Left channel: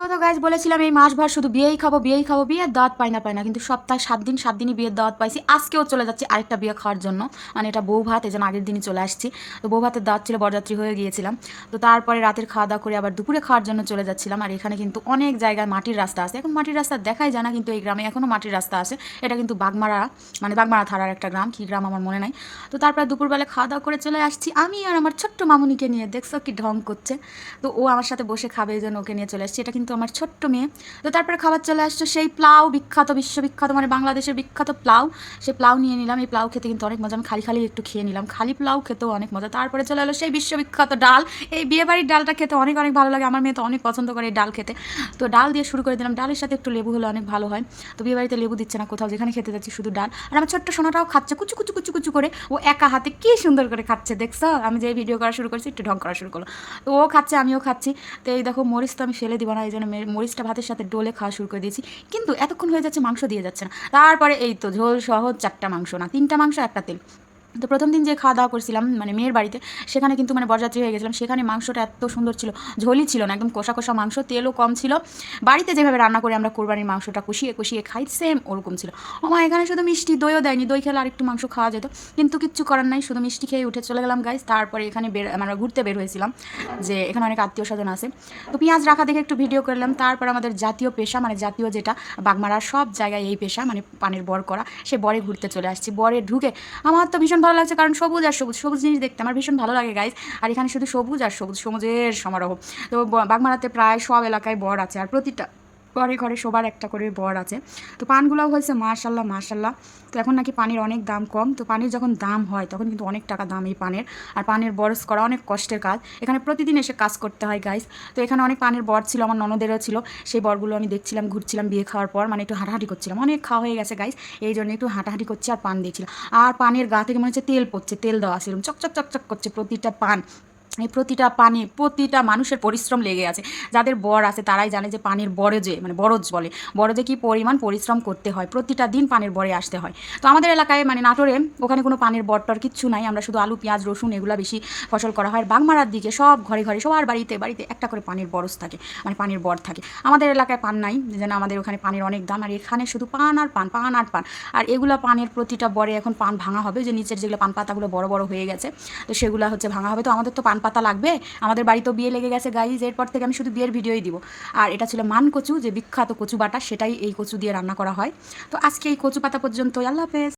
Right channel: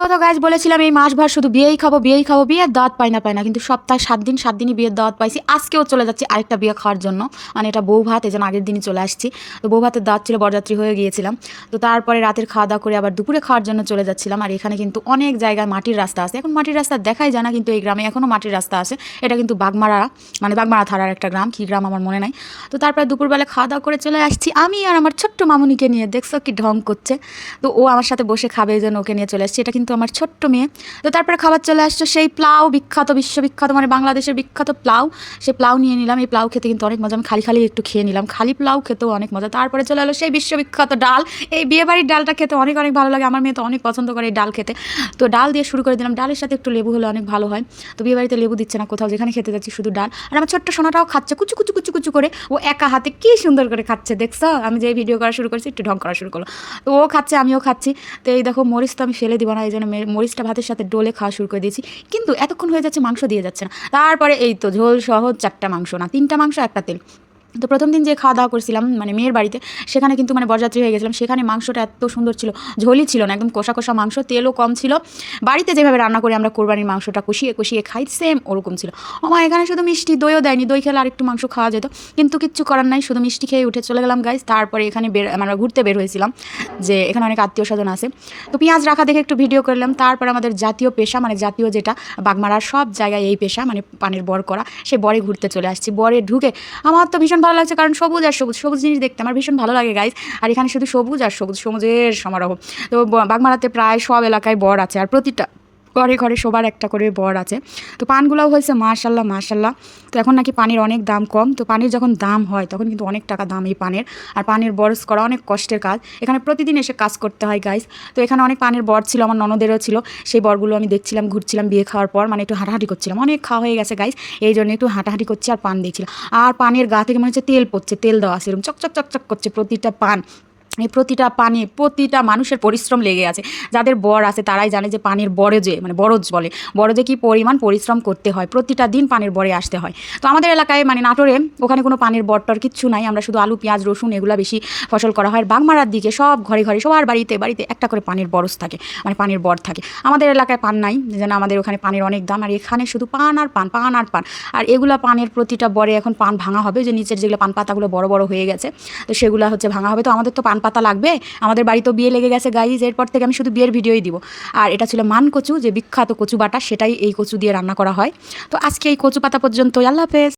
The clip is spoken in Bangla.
তো গাইজ বলেছিলাম এই মাসভর শুধু বিয়েই খাবো বিয়েই খাবো, বিয়ের দাওয়াত পাই না কিন্তু সপ্তাহে 7 দিনই বিয়ের দাওয়াত পাইছি। আজকেও চলে যাচ্ছি আরেকটা বিয়ে খাওয়ার জন্য, মানে এটা বউ ভাত, এই জন্য আগের দিনই চলে আসছি। তো বউ ভাতের দাওয়াত ছিল, বরযাত্রী হয়ে গিয়েছিলাম। তো তারপরে রাতের খাওয়া দাওয়া করে আবার দুপুরে খাওয়ার জন্য চলে যাচ্ছিলাম। আর এখানে কিন্তু অনেক জায়গায় মাটির রাস্তা আছে, এখন মাটির রাস্তা দেখাই যায় না, কিন্তু এই গ্রামে এখনও মাটির রাস্তা আছে। এটা কিন্তু বাগমারা, মানে বাগমারা থানার একটা গ্রাম, কী গ্রাম আমার মনে নাই। তো তারপরে দুপুরবেলা খাওয়া দাওয়া করে চলে আসছি আমি আর আমার ছোট্ট মামুনিকে নিয়ে। দেখছো কি ঢং করছে। তো ও আমার সাথে বসে খাবে, এই জন্য ওকে নিয়ে চলে আসছি। এটা কিন্তু আমার ছোট্ট মেয়ে। তো তারপরে খাবার চলে আসছে সেই প্লাউ, বিখ্যাত বিশ্ববিখ্যাত, মানে বাংলাদেশের বিখ্যাত প্লাউ। সেই প্লাউ নিয়ে নিলাম। এই প্লাউ খেতে কিন্তু অনেক মজা, আমি খালি খালি একটু খেয়ে নিলাম, খালি প্লাউ খেতেও অনেক মজা। তারপরে চলে এলো সেই বিশ্ববিখ্যাত ডাল। এই বিয়েবাড়ির ডালটা খেতে অনেক অনেক ভালো লাগে, আমার মেয়ে তো অনেক পছন্দ করে এই ডাল খেতে। তো ডাল দিয়ে শুরু করে দিলাম, ডালের সাথে একটু লেবু হলে অনেক ভালো হয়। তো বিয়েবাড়িতে লেবু দিচ্ছে না কোথাও, যেখানে খেতে যাচ্ছি শুধু ডাল। আর আমার ছোট্ট সোনাটাও খাচ্ছে কুচু কুচু কুচু কুচু করে, ও একা হাতে কি সুন্দর করে খাচ্ছে। দেখছো আমি যে ভিডিও করা শুরু করছি একটু ঢং করা শুরু করলো। তো ও খাচ্ছে, আমিও খাচ্ছি। তো এই দেখো মরিচ তো আমি ফেলে দিব না, এই জন্য মরিচটা ভাতের সাথে ডোলে খাওয়া শুরু করে দিয়েছি। কিন্তু এতক্ষণ হয়ে যাচ্ছে মাংস দিয়ে যাচ্ছে না। তারপরে এই তো ঝোল সহ 4টা মাংস, না 3টা মাংস 1টা তেল। তো প্রথম দিন যে খাওয়া দাওয়া করছিলাম মানে মেয়ের বাড়িতে, সেখানে কিন্তু মানে বরযাত্রী হয়ে গেছিলাম, সেখানে মাংসটা এত সুন্দর ছিল, ঝোলই ছিল না, একদম কষা কষা মাংস, তেলও কম ছিল। বাড়িতে যেভাবে রান্না করি আমরা কোরবানির মাংসটা কষিয়ে কষিয়ে খাই, সেম ওরকম ছিল। আমার এখানে শুধু মিষ্টি, দইও দেয়নি, দই খেলে আরেকটু মাংস খাওয়া যেত, কিন্তু কিচ্ছু করার নাই, শুধু মিষ্টি খেয়ে উঠে চলে গেলাম গাইজ। তারপরে এখানে আমরা ঘুরতে বের হয়েছিলাম, যে এখানে অনেক আত্মীয় স্বজন আছে। তো পেঁয়াজ রাখা দেখে একটু ভিডিও করলাম। তারপর আমাদের জাতীয় পেশা, মানে জাতীয় যেটা বাগমারার সব জায়গায় এই পেশা, মানে পানের বর করা, সে বরে ঘুরতে চলে আসছি। বরে ঢুকে আমার তো ভীষণ ভালো লাগছে, কারণ সবুজ আর সবুজ, সবুজ জিনিস দেখতে আমার ভীষণ ভালো লাগে গাইজ। আর এখানে শুধু সবুজ আর সবুজ, সবুজের সমারোহ। তো বাগমারাতে প্রায় সব এলাকায় বর আছে, আর প্রতিটা ঘরে ঘরে সবার একটা করে বর আছে। তো পানগুলাও হয়েছে মাশাল্লাহ মাশাল্লাহ। তো এখন নাকি পানির অনেক দাম কম, তো পানির যখন দাম হয় তখন কিন্তু অনেক টাকা দাম এই পানের। আর পানের বরস করা অনেক কষ্টের কাজ, এখানে প্রতিদিন এসে কাজ করতে হয় গাইজ। তো এখানে অনেক পানের বর ছিল, আমার ননদেরও ছিল, সেই বরগুলো আমি দেখছিলাম, ঘুরছিলাম বিয়ে খাওয়ার পর, মানে একটু হাঁটাহাঁটি করছিলাম, অনেক খাওয়া হয়ে গেছে গাইজ, এই জন্য একটু হাঁটাহাঁটি করছি আর পান দেখছিলাম। আর পানের গা থেকে মনে হচ্ছে তেল পড়ছে, তেল দেওয়া আছে, এরকম চকচক চকচক করছে প্রতিটা পান। এই প্রতিটা পানে প্রতিটা মানুষের পরিশ্রম লেগে আছে। যাদের বর আছে তারাই জানে যে পানের বরজে, মানে বরজ বলে, বরজে কি পরিমাণ পরিশ্রম করতে হয়, প্রতিটা দিন পানের বরে আসতে হয়। তো আমাদের এলাকায় মানে নাটোরে ওখানে কোনো পানের বরটর কিচ্ছু নাই, আমরা শুধু আলু পেঁয়াজ রসুন এগুলো বেশি ফসল করা হয়। বাগমারার দিকে সব ঘরে ঘরে সবার বাড়িতে বাড়িতে একটা করে পানের বরজ থাকে, মানে পানের বর থাকে। আমাদের এলাকায় পান নাই, যেন আমাদের ওখানে পানের অনেক দাম, আর এখানে শুধু পান আর পান, পান আর পান। আর এগুলা পানের প্রতিটা বরে এখন পান ভাঙা হবে, যে নিচের যেগুলো পান পাতাগুলো বড় বড় হয়ে গেছে, তো সেগুলো হচ্ছে ভাঙা হবে। তো আমাদের তো পান পাতা লাগবে, আমাদের বাড়িতেও বিয়ে লেগে গেছে গাইজ, এরপর থেকে আমি শুধু বিয়ের ভিডিওই দিব। আর এটা ছিল মান কচু, যে বিখ্যাত কচু বাটা, সেটাই এই কচু দিয়ে রান্না করা হয়। তো আজকে এই কচু পাতা পর্যন্ত, আল্লাহ হাফেজ।